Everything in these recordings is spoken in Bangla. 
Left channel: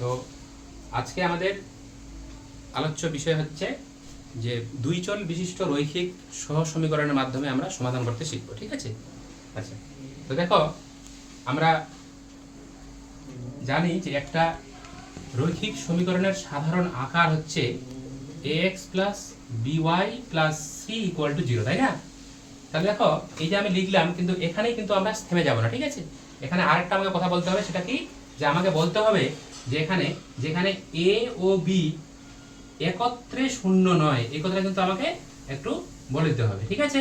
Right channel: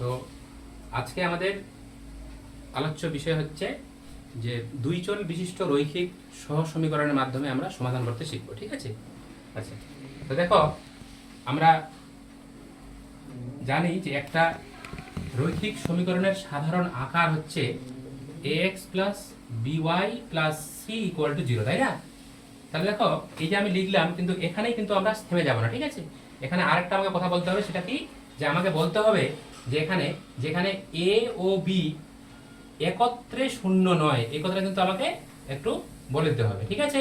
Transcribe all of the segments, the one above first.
তো আজকে আমাদের আলোচ্য বিষয় হচ্ছে যে দুই চল বিশিষ্ট রৈখিক সহ সমীকরণের মাধ্যমে আমরা সমাধান করতে শিখব। ঠিক আছে? আচ্ছা, তো দেখো আমরা জানি যে একটা রৈখিক সমীকরণের সাধারণ আকার হচ্ছে ax plus by plus c equal to 0, তাই না? তাহলে দেখো এই যে আমি লিখলাম, কিন্তু এখানেই কিন্তু আমরা থেমে যাব না। ঠিক আছে, এখানে আরেকটা আমাকে কথা বলতে হবে। সেটা কি? যে আমাকে বলতে হবে যে যেখানে a ও b একত্রে শূন্য নয়, এই কথাটা কিন্তু আমাকে একটু বলে দিতে হবে। ঠিক আছে,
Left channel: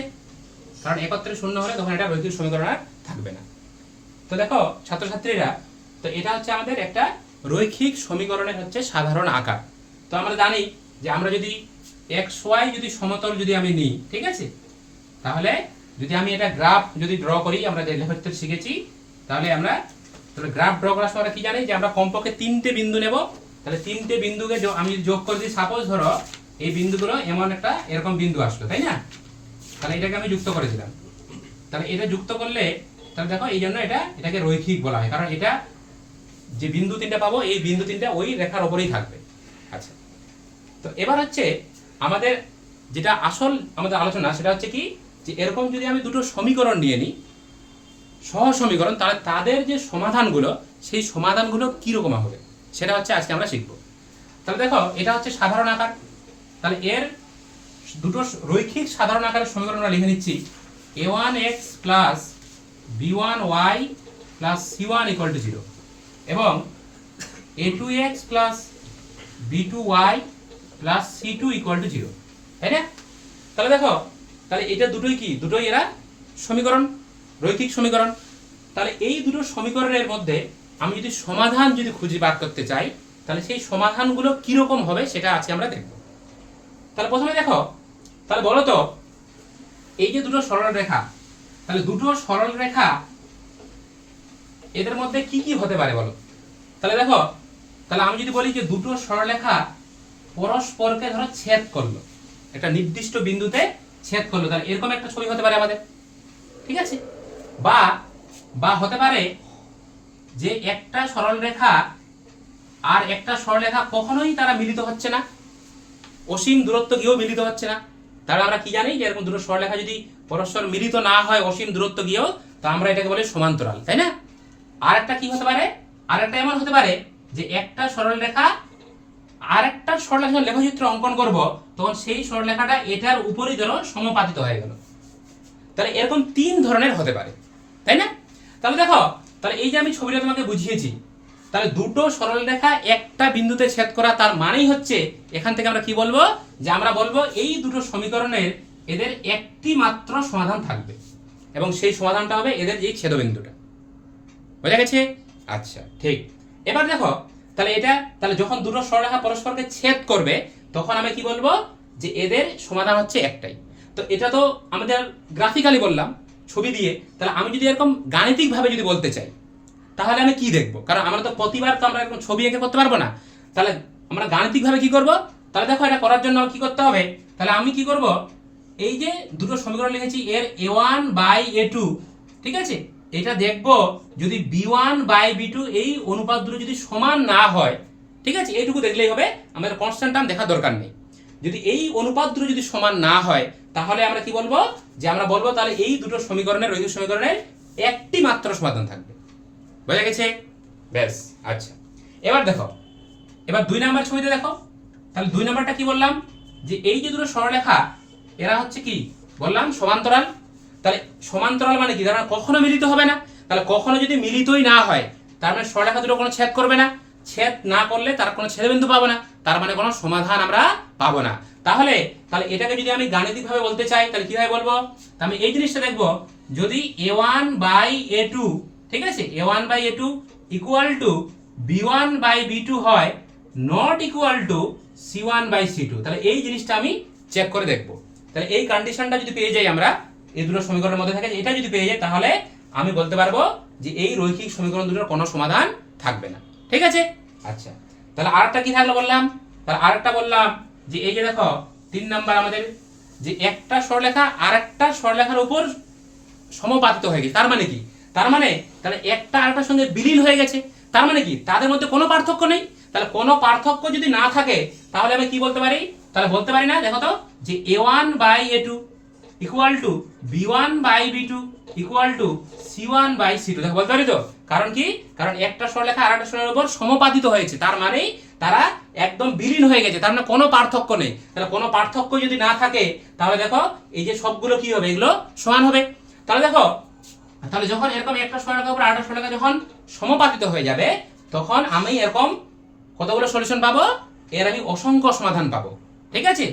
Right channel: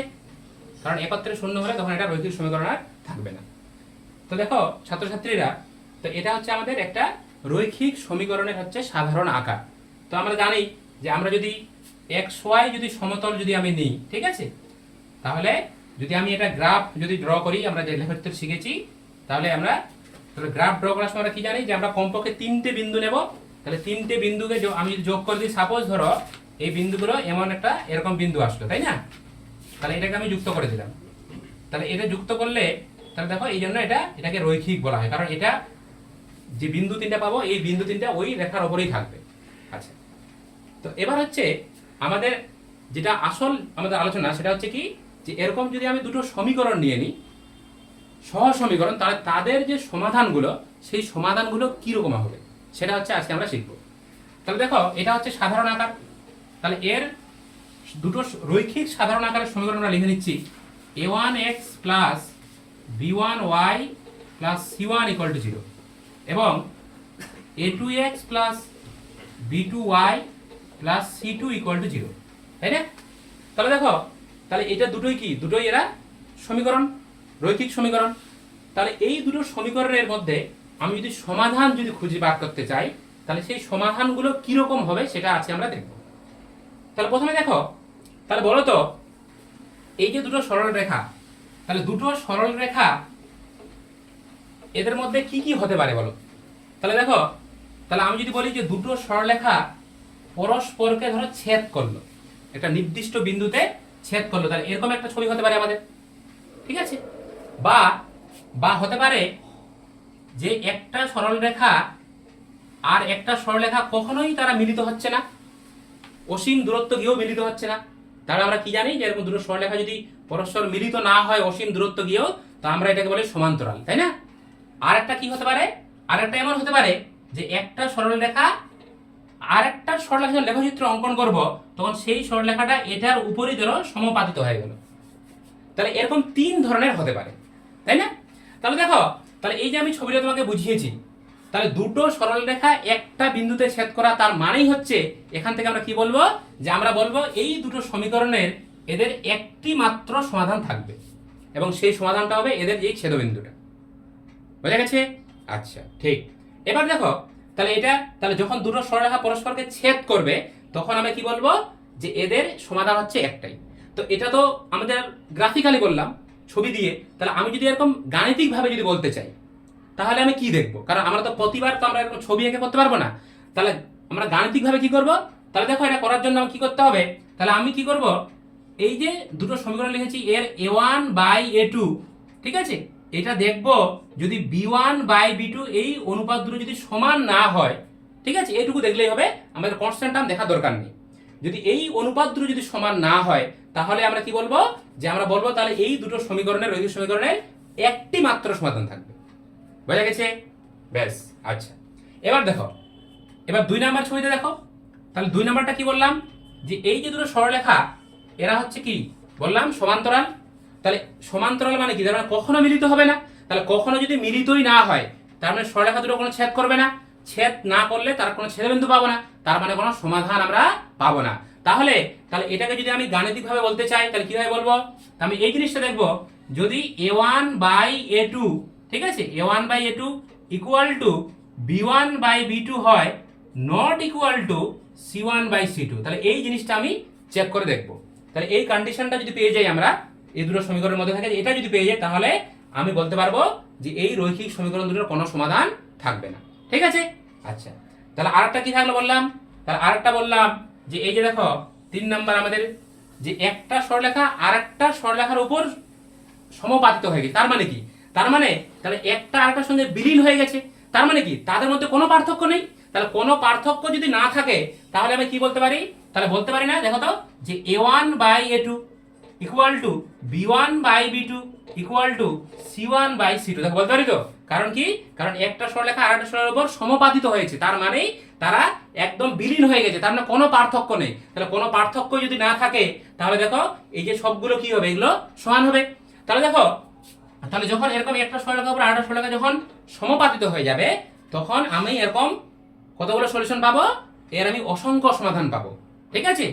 কারণ একত্রে শূন্য হলে তখন এটা রৈখিক সমীকরণ আর থাকবে না। তো দেখো ছাত্রছাত্রীরা, তো এটা হচ্ছে আমাদের একটা রৈখিক সমীকরণের হচ্ছে সাধারণ আকার। তো আমরা জানি যে আমরা যদি xy যদি সমতল যদি আমি নিই, ঠিক আছে, তাহলে যদি আমি এটা গ্রাফ যদি ড্র করি, আমরা যে লেখাপড়তে শিখেছি, তাহলে গ্রাফ ড্র করার সময় কি জানি যে আমরা কমপক্ষে তিনটে বিন্দু নেব। তাহলে তিনটে বিন্দুকে আমি যদি যোগ করে দিই, সাপোজ ধরো এই বিন্দুগুলো এমন একটা এরকম বিন্দু আসলো, তাই না? তাহলে এটাকে আমি যুক্ত করে দিলাম। তাহলে এটা যুক্ত করলে তাহলে দেখো এই জন্য এটাকে রৈখিক বলা হয়, কারণ এটা যে বিন্দু তিনটা পাবো এই বিন্দু তিনটা ওই রেখার ওপরেই থাকবে। আচ্ছা, তো এবার হচ্ছে আমাদের যেটা আসল আমাদের আলোচনা, সেটা হচ্ছে কি যে এরকম যদি আমি দুটো সমীকরণ নিয়ে নিই, সহ সমীকরণ, তাহলে তাদের যে সমাধানগুলো সেই সমাধানগুলো কিরকম হবে সেটা হচ্ছে আজকে আমরা শিখব। তাহলে দেখো এটা হচ্ছে সাধারণ আকার। তাহলে এর দুটো রৈখিক সাধারণ আকারের সমীকরণ আমরা লিখে নিচ্ছি a1x plus b1y plus c1 equal to 0 এবং a2x plus b2y plus c2 equal to 0, তাই না? তাহলে দেখো তাহলে এটা দুটোই এরা সমীকরণ, রৈখিক সমীকরণ। তাহলে এই দুটো সমীকরণের মধ্যে আমি যদি সমাধান যদি খুঁজে বার করতে চাই, তাহলে সেই সমাধানগুলো কিরকম হবে সেটা আজকে আমরা দেখব। তাহলে প্রথমে দেখো, তাহলে বলো তো এই যে দুটো সরল রেখা, তাহলে দুটো সরল রেখা এদের মধ্যে কি কি হতে পারে বলো? তাহলে দেখো, তাহলে আমি যদি বলি যে দুটো সরলরেখা পরস্পরকে ধরো ছেদ করলো, একটা নির্দিষ্ট বিন্দুতে ছেদ করলো, তাহলে এরকম একটা ছবি হতে পারে আমাদের। ঠিক আছে, বা হতে পারে যে একটা সরলরেখা আর একটা সরলরেখা কখনোই তারা মিলিত হচ্ছে না, অসীম দূরত্ব গিয়েও মিলিত হচ্ছে না। তাহলে আমরা কি জানি যে এরকম দুটো সরলরেখা যদি পরস্পর মিলিত না হয় অসীম দূরত্ব গিয়েও, তো আমরা এটাকে বলি সমান্তরাল, তাই না? আর একটা কি হতে পারে, আর একটা এমন হতে পারে যে একটা সরলরেখা আর একটা সরলরেখার লেখচিত্র অঙ্কন করব, তখন সেই সরলরেখাটা এটার উপরই ধরো সমাপাতিত হয়ে গেল। তাহলে এরকম তিন ধরনের হতে পারে, তাই না? তাহলে দেখো, তাহলে এই যে আমি ছবিটা তোমাকে বুঝিয়েছি, তাহলে দুটো সরলরেখা একটা বিন্দুতে ছেদ করা, তার মানেই হচ্ছে এখান থেকে আমরা কি বলবো, যে আমরা বলবো এই দুটো সমীকরণের এদের একটি মাত্র সমাধান থাকবে এবং সেই সমাধানটা হবে এদের এই ছেদবিন্দুটা। বোঝা গেছে? আচ্ছা, ঠিক। এবার দেখো, তাহলে যখন দুটো সরলরেখা পরস্পরকে ছেদ করবে, তখন আমি কি বলবো, যে এদের সমাধান হচ্ছে একটাই। তো এটা তো আমাদের গ্রাফিক্যালি বললাম, ছবি দিয়ে। তাহলে আমি যদি এরকম গাণিতিকভাবে যদি বলতে চাই, তাহলে আমি কি দেখব? কারণ আমরা তো প্রতিবার তো আমরা এরকম ছবি এঁকে করতে পারবো না। তাহলে আমরা গাণিতিকভাবে কি করব? তাহলে দেখো এটা করার জন্য আমার কি করতে হবে, তাহলে আমি কি করব, এই যে দুটো সমীকরণ লিখেছি এর a1 বাই a2, ঠিক আছে, এটা দেখব যদি b1 বাই b2 এই অনুপাত দুটো যদি সমান না হয়, ঠিক আছে, এইটুকু দেখলেই হবে, আমাদের কনস্ট্যান্ট টার্ম দেখার দরকার নেই। যদি এই অনুপাত দুটো যদি সমান না হয়, তাহলে আমরা কি বলবো, যে আমরা বলবো তাহলে এই দুটো সমীকরণের রৈখিক সমীকরণের একটি মাত্র সমাধান থাকবে। বোঝা গেছে? ব্যাস। আচ্ছা, এবার দেখো, এবার 2 নাম্বার ছবিতে দেখো। তাহলে 2 নাম্বারটা কি বললাম, যে এই যে দুটো সরলরেখা এরা হচ্ছে কি বললাম, সমান্তরাল। তাহলে সমান্তরাল মানে কি, তারা কখনো মিলিত হবে না। তাহলে কখনো যদি মিলিতই না হয়, তার মানে সরলরেখা দুটো কোনো ছেদ করবে না। ছেদ না করলে তার কোনো ছেদবিন্দু পাবো না, তার মানে কোনো সমাধান আমরা পাবো না। তাহলে এটাকে যদি আমি গাণিতিকভাবে বলতে চাই, তাহলে কিভাবে বলবো, আমি এই জিনিসটা দেখবো, যদি a1 বাই a2, ঠিক আছে, a1 by a2 equal to b1 by b2 হয়, not equal to c1 by c2, তাহলে এই জিনিসটা আমি চেক করে দেখবো। তাহলে এই কন্ডিশনটা যদি পেয়ে যাই আমরা, এই দুটো সমীকরণের মধ্যে থাকে এটা যদি পেয়ে যাই, তাহলে আমি বলতে পারবো যে এই রৈখিক সমীকরণ দুটোর কোনো সমাধান থাকবে না। ঠিক আছে? আচ্ছা, তাহলে আরেকটা কি থাকলো বললাম, তাহলে আরেকটা বললাম যে এই যে দেখো 3 নাম্বার আমাদের, যে একটা সরলরেখা আর একটা সরলরেখার উপর সমাপাতিত হয়ে গেছে। তার মানে কি, তার মানে তাহলে একটা আরেকটার সঙ্গে বিলীন হয়ে গেছে। তার মানে কি, তাদের মধ্যে কোনো পার্থক্য নেই। তাহলে কোনো পার্থক্য যদি না থাকে তাহলে আমি কি বলতে পারি, তাহলে বলতে পারি না, দেখো তো, যে a1/a2 equal to b1/b2 equal to c1/c2। দেখো বলতে পারি তো, কারণ কি, কারণ একটা সরলরেখা আর একটা সরলরেখার উপর সমাপাতিত হয়েছে, তার মানে তারা একদম বিলীন হয়ে গেছে, তার মানে কোনো পার্থক্য নেই। তাহলে কোনো পার্থক্য যদি না থাকে তাহলে দেখো এই যে সবগুলো কি হবে, এগুলো সমান হবে। তাহলে দেখো, তাহলে যখন এরকম একটা সরলরেখার উপর আরেকটা সরলরেখা যখন সমাপাতিত হয়ে যাবে তখন আমি এরকম কতগুলো সলিউশন পাবো, এর আমি অসংখ্য সমাধান পাবো। ঠিক আছে,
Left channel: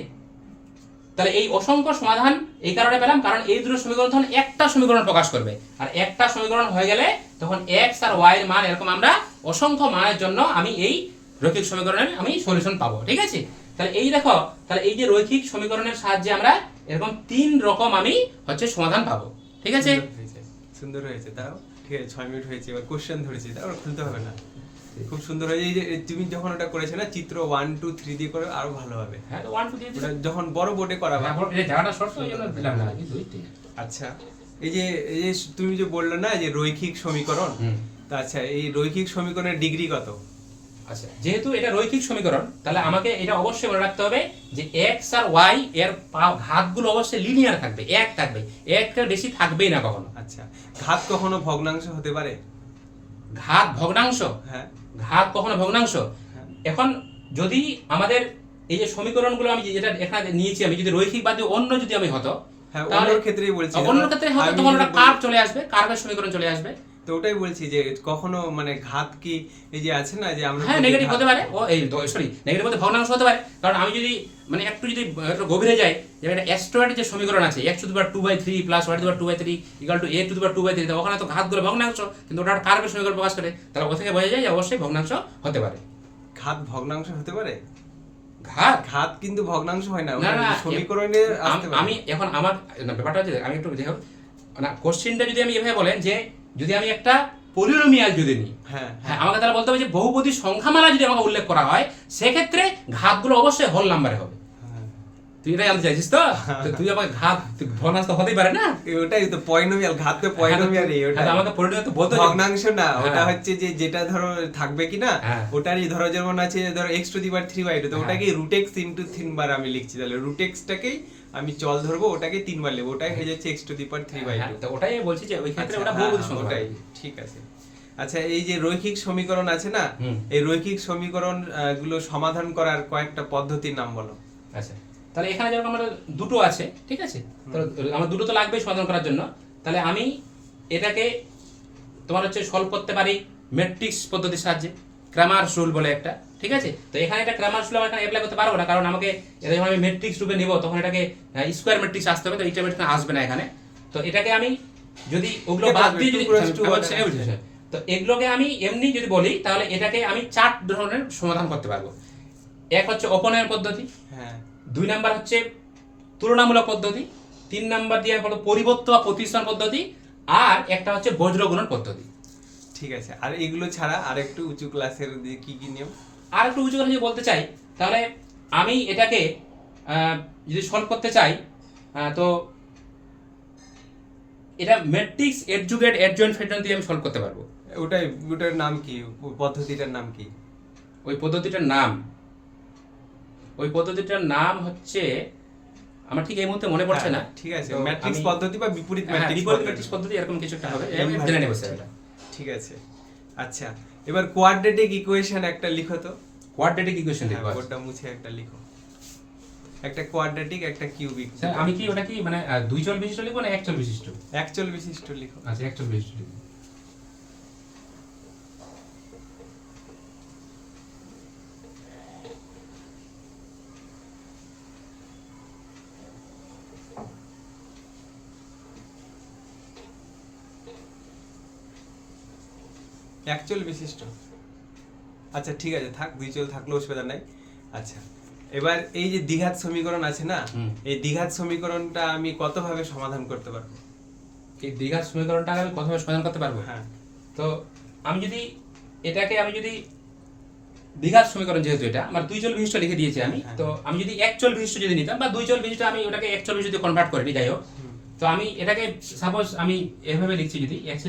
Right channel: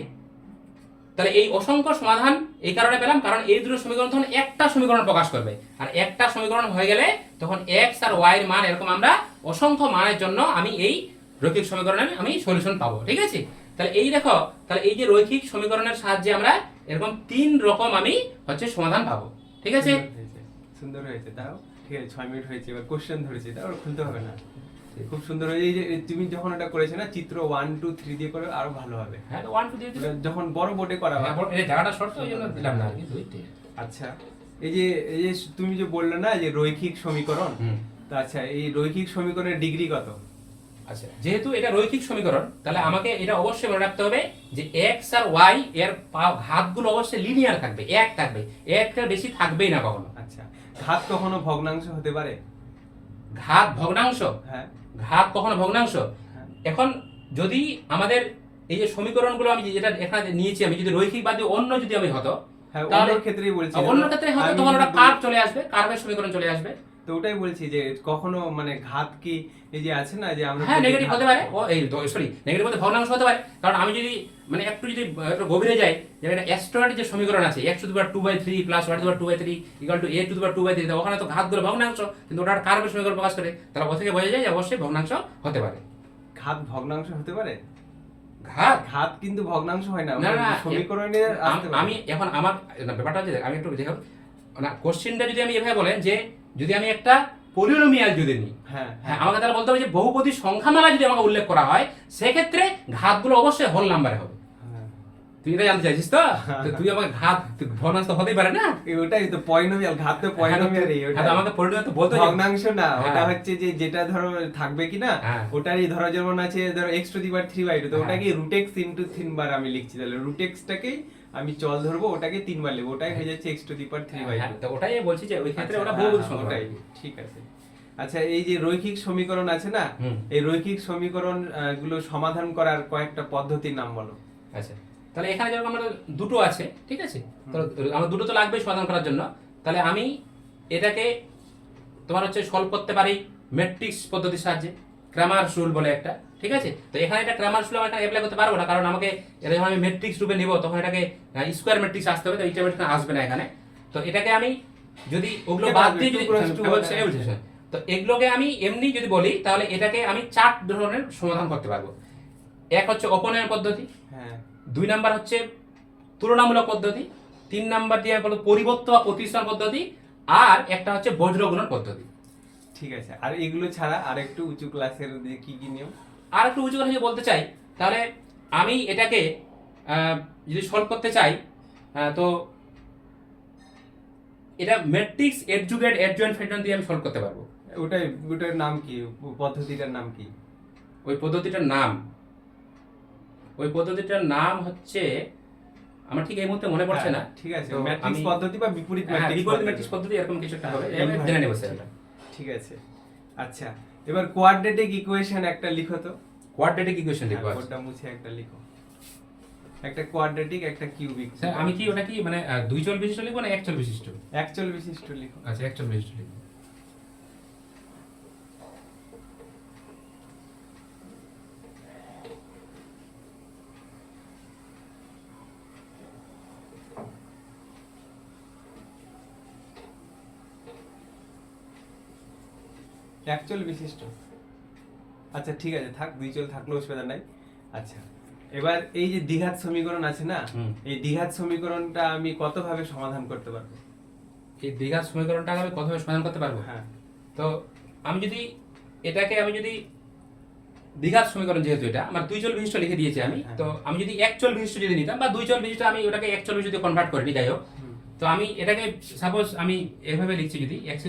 তাহলে এই অসংখ্য সমাধান এই কারণে পেলাম, কারণ এই দুটো সমীকরণ তখন একটা সমীকরণ প্রকাশ করবে, আর একটা সমীকরণ হয়ে গেলে তখন x আর y এর মান এরকম আমরা অসংখ্য মানের জন্য আমি এই রৈখিক সমীকরণের আমি সলিউশন পাবো। ঠিক আছে, তাহলে এই দেখো, তাহলে এই যে রৈখিক সমীকরণের সাহায্যে আমরা এরকম 3 রকম আমি হচ্ছে সমাধান পাবো। ঠিক আছে, সুন্দর হয়েছে। তাও ঠিক আছে, 6 মিনিট হয়েছে, এবার কোশ্চেন ধরেছি, তাও খুলতে হবে না। খুব সুন্দর হয়েছে। এই যে তুমি যখন ওটা করেছো না, চিত্র 1 2 3 দিয়ে করে আরো ভালো হবে। হ্যাঁ, তো 1 2 3 ওটা যখন বড় বোর্ডে করা হবে। এই জায়গাটা শর্ট হয়ে গেল, দিলাম না কি দুইতে। আচ্ছা, এই যে তুমি যে বললে না যে রৈখিক সমীকরণ, তা আচ্ছা এই রৈখিক সমীকরণের ডিগ্রি কত? আচ্ছা, যেহেতু এটা রৈখিক সমীকরণ তাহলে আমাকে এটা অবশ্যই মনে রাখতে হবে যে x আর y এর ঘাতগুলো অবশ্যই লিনিয়ার থাকবে, এক থাকবে, একের বেশি থাকবেই না কখনো। আচ্ছা, ঘাত কখনো ভগ্নাংশ হতে পারে? ঘাত ভগ্নাংশ? হ্যাঁ, ঘাত কখনো ভগ্নাংশ? এখন যদি আমাদের এই যে সমীকরণগুলো আমি যেটা এখানে নিয়েছি, আমি যদি রৈখিক বাদ দিয়ে অন্য যদি আমি হতো, হ্যাঁ, তাহলে অন্য ক্ষেত্রেই বলছি, অন্য ক্ষেত্রে হতো তখন ওটা কার্ভ চলে আসবে, কার্ভের সমীকরণ চলে আসবে। তো ওটাই বলছি যে কখনো মানে ঘাত কি এই যে আছে না যে আমরা হ্যাঁ নেগেটিভ হতে পারে, ও এই সরি নেগেটিভ বলতে ভগ্নাংশ হতে পারে, কারণ আমি যদি মানে একটু যদি একটু গভীরে যাই, যে এটা অ্যাস্ট্রয়েড যে সমীকরণ আছে x⁴2/3 + y⁴2/3 = a⁴2/3, ওখানে তো ঘাতগুলো ভগ্নাংশ, কিন্তু ওটা কার্ভের সমীকরণ প্রকাশ করে, তাহলে ওখান থেকে বোঝা যায় যে অবশ্যই ভগ্নাংশ হতে পারে। ঘাত ভগ্নাংশ হতে পারে? ঘাত ঘাত কিন্তু ভগ্নাংশ হয় না, না, না, সমীকরণে আসতে পারে। আমি এখন আমার ব্যাপারটা হচ্ছে, আমি একটু দেখো না, কোশ্চেনটা যদি আমি এভাবে বলেন যে যদি আমি একটা পলিনোমিয়াল যদি নিই, হ্যাঁ হ্যাঁ, আমাকে তাহলে বলতে হবে যে বহুপদী সংখ্যামালা যদি আমাকে উল্লেখ করা হয় সেক্ষেত্রে ঘাতগুলো অবশ্যই হোল নাম্বারে হবে। তুই এটা জানতে চাইছিস তো? তো তুই আমাকে ঘাত ভগ্নাংশ হতেই পারে না, ওটাই তো পলিনোমিয়াল, ঘাত তো পলিনোমিয়ালই। ওটা আমাকে পলিনোমিয়াল তো বলতে ভগ্নাংশ না, ওটা হ্যাঁ। হচ্ছে যে যেটা ধরো থাকবে কি না, হ্যাঁ। ওটারই ধরো যেমন আছে ধরো x⁴3/2, তো হ্যাঁ। ওটাকে √x * 3 বার আমি লিখছি, তাহলে √x টাকেই আমি চল ধরবো, ওটাকে 3 বার লিখব, ওটাই হয়ে যাচ্ছে x⁴3/2। হ্যাঁ, তো ওটাই বলছি যে ওই ক্ষেত্রে আচ্ছা, ওটা হ্যাঁ, বহুপদী সংখ্যা। ওটাই ঠিক আছে। আচ্ছা, এই যে রৈখিক সমীকরণ আছে না, হুম। এই রৈখিক সমীকরণ গুলো সমাধান করার কয়েকটা পদ্ধতির নাম বলো। আচ্ছা, তাহলে এখানে যেরকম আমাদের দুটো আছে, ঠিক আছে, তো আমার দুটো তো লাগবেই সমাধান করার জন্য, তাহলে আমি এটাকে তোমার হচ্ছে সলভ করতে পারি ম্যাট্রিক্স পদ্ধতির সাহায্যে, ক্রামারস রুল বলে একটা। ঠিক আছে, তো এখানে এটা ক্রামারস রুল আমি এখানে অ্যাপ্লাই করতে পারবো না, কারণ আমাকে এটা যখন আমি ম্যাট্রিক্স রূপে নিব তখন এটাকে স্কয়ার ম্যাট্রিক্স আসতে হবে, তো এইটা ম্যাট্রিক্স আসবে না এখানে। তো এটাকে আমি যদি ওগুলো বাদ দিয়ে যদি তো এগুলোকে আমি এমনি যদি বলি তাহলে এটাকে আমি 4 ধরনের সমাধান করতে পারবো। এক হচ্ছে অপনয়ন পদ্ধতি, হ্যাঁ, 2 নাম্বার হচ্ছে তুলনামূলক পদ্ধতি, 3 নাম্বার দিয়ে বলো পরিবর্ত বা প্রতিস্থান পদ্ধতি, আর একটা হচ্ছে বজ্র গুণন পদ্ধতি। ঠিক আছে। আর এগুলো ছাড়া আর একটু উঁচু ক্লাসের দিয়ে কি কি নিয়ম? আর একটু উঁচু করে যদি বলতে চাই তাহলে আমি এটাকে যদি সলভ করতে চাই, তো এটা ম্যাট্রিক্স এডজুগেট এডজয়েন্ট ফ্যাক্টর দিয়ে আমি সলভ করতে পারবো। ওটার নাম কি, পদ্ধতিটার নাম কি? ওই পদ্ধতিটার নাম হচ্ছে আমার ঠিক এই মুহূর্তে মনে পড়ছে না। ঠিক আছে, তো ম্যাট্রিক্স আমি- পদ্ধতি বা বিপরীত হ্যাঁ, ম্যাট্রিক্স পদ্ধতি এরকম কিছু একটা হবে, আমি জেনে নেব স্যার এটা। ঠিক আছে। আচ্ছা, এবার কোয়াড্রেটিক ইকুয়েশন একটা লিখো তো। কোয়াড্রেটিক ইকুয়েশন লিখবো। কোডটা মুছে একটা লিখো, একটা কোয়াড্রেটিক একটা কিউবিক। স্যার আমি কি ওটা কি মানে 2 চল বিশিষ্ট লিখবো না 1 চল বিশিষ্ট? এক চল বিশিষ্ট লিখো। আচ্ছা, 1 চল বিশিষ্ট লিখবো। এক চল বিশিষ্ট। আচ্ছা ঠিক আছে, থাক, 2 চল থাকলেও অসুবিধা নাই। আচ্ছা, এবার এই যে দ্বিঘাত সমীকরণ আছে না, এই দ্বিঘাত সমীকরণটা আমি কত ভাবে সমাধান করতে পারবো? এই দ্বিঘাত সমীকরণটাকে আমি কতভাবে সমাধান করতে পারবো? হ্যাঁ, তো আমি যদি দ্বিঘাত সমীকরণ, যেহেতু এটা আমার 2 চল বিশিষ্ট লিখে দিয়েছি আমি, তো আমি যদি 1 চল বিশিষ্ট যদি নিতাম বা 2 চল বিশিষ্ট, আমি ওটাকে 1 চল বিশিষ্ট কনভার্ট করে নিই, যাই হোক। তো আমি এটাকে সাপোজ আমি এভাবে লিখছি, যদি x²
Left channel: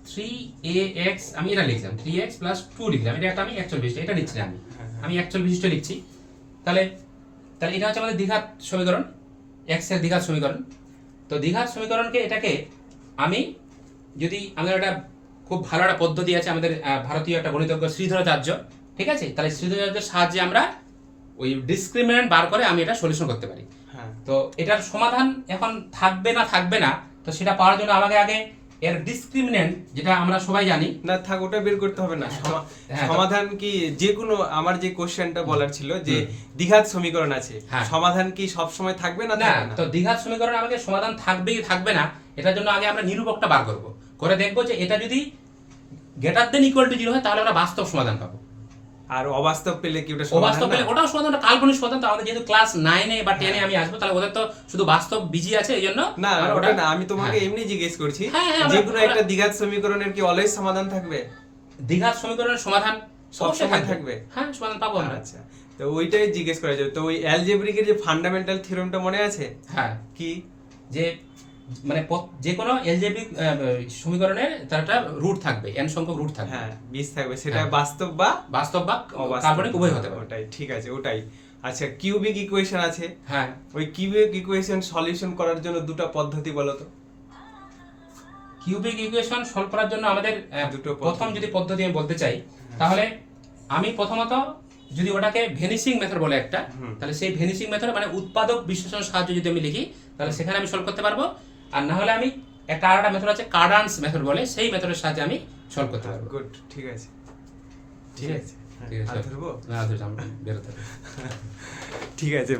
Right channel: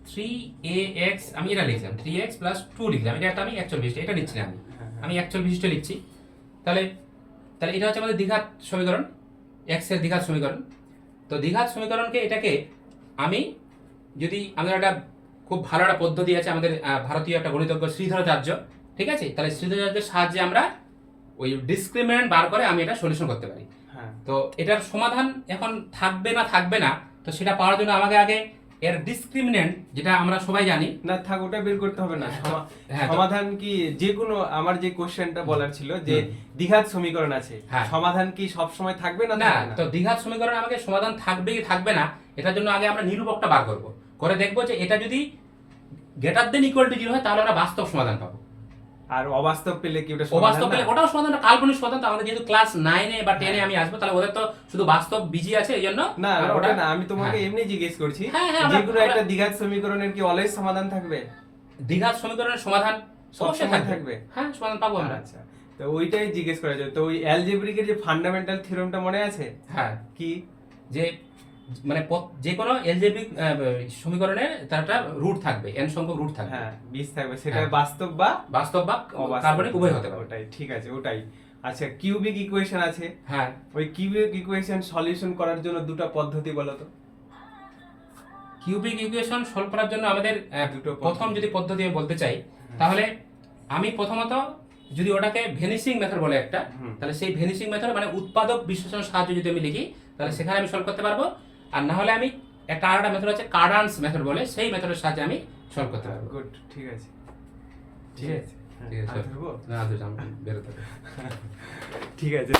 + 3ax আমি এটা লিখলাম 3x প্লাস 2 লিখলাম, এটা একটা আমি অ্যাকচুয়াল বিশিষ্ট এটা নিচ্ছি না আমি অ্যাকচুয়াল বিশিষ্ট লিখছি। তাহলে তাহলে এটা হচ্ছে আমাদের দ্বিঘাত সমীকরণ, x এর দ্বিঘাত সমীকরণ। তো দ্বিঘাত সমীকরণকে এটাকে আমি যদি আমাদের একটা খুব ভালো একটা পদ্ধতি আছে আমাদের ভারতীয় একটা গণিতজ্ঞ শ্রীধরাচার্য, ঠিক আছে, তাহলে শ্রীধরাচার্যের সাহায্যে আমরা ওই ডিসক্রিমিনেন্ট বার করে আমি এটা সলিউশন করতে পারি। হ্যাঁ তো এটার সমাধান এখন থাকবে না থাকবে না, তো সেটা পাওয়ার জন্য আমাকে আগে এর ডিসক্রিমিনেন্ট যেটা আমরা সবাই জানি না থাক, ওটা বের করতে হবে না। হ্যাঁ, তো- সমাধান কি যে কোনো, আমার যে কোশ্চেনটা বলার ছিল যে দ্বিঘাত সমীকরণ আছে, হ্যাঁ। সমাধান কি সব সময় থাকবে না না, থাকবে না? তো দ্বিঘাত সমীকরণ আমাকে সমাধান থাকবে কি থাকবে না এটার জন্য আগে আমরা নিরূপকটা বার করব, করে দেখবো যে এটা যদি গ্রেটার দেন ইকুয়াল টু 0 হয় তাহলে আমরা বাস্তব সমাধান পাবো। আর অবাস্তব পেলে কি ওটা অবাস্তব সমাধান পেলে না? ওটাও সমাধানটা কাল্পনিক সমাধান, তো আমাদের যেহেতু ক্লাস 9 এ বা 10 এ আমি আসবো, তাহলে ওদের তো শুধু বাস্তব বিজি আছে, এই জন্য না আমরা ওটা না, আমি তোমাকে হ্যাঁ। এমনি জিজ্ঞেস করছি হ্যাঁ, হ্যাঁ, যে আমরা- কোনো একটা দ্বিঘাত সমীকরণের কি অলওয়েজ সমাধান থাকবে? দ্বিঘাত সমীকরণের সমাধান সব অবশ্যই সময় থাকবে? হ্যাঁ, সমাধান পাবো আমরা। আচ্ছা, তো ওইটাই জিজ্ঞেস করা যাবে। তো ওই অ্যালজেব্রিকের যে ফান্ডামেন্টাল থিওরেমটা মনে আছে হ্যাঁ, কি? যে মানে যে কোনো এলজেব্রিক সমীকরণের তার একটা রুট থাকবে, n সংখ্যক রুট থাকবে, হ্যাঁ 20 থাকবে, সেটা হ্যাঁ। বাস্তব বা বাস্তব বা অবাস্তব। কাল্পনিক উভয় হতে পারে। ওটাই ঠিক আছে, ওটাই। আচ্ছা, কিউবিক ইকুয়েশন আছে, হ্যাঁ, ওই কিউবিক ইকুয়েশন সলিউশন করার জন্য দুটো পদ্ধতি বলো তো। কিউবিক ইকুয়েশন সলভ করার জন্য আমাদের দুটো পদ্ধতি। প্রথম যদি পদ্ধতি আমি বলতে চাই, তাহলে আমি প্রথমত যদি ওটাকে ভেনিসিং মেথড বলে একটা, তাহলে সেই ভেনিসিং মেথড মানে উৎপাদক বিশ্লেষণ সাহায্যে যদি আমি লিখি, তাহলে সেখানে আমি সলভ করতে পারবো। আর না হলে আমি একটা আরেকটা মেথড আছে কার্ডান্স মেথড বলে, সেই মেথডের সাহায্যে আমি সলভ করতে পারবো। গুড, ঠিক আছে ঠিক আছে, ঠিক আছে, আর ধরবো? না ধরো, আমি বেরোতে হবে। ঠিক আছে।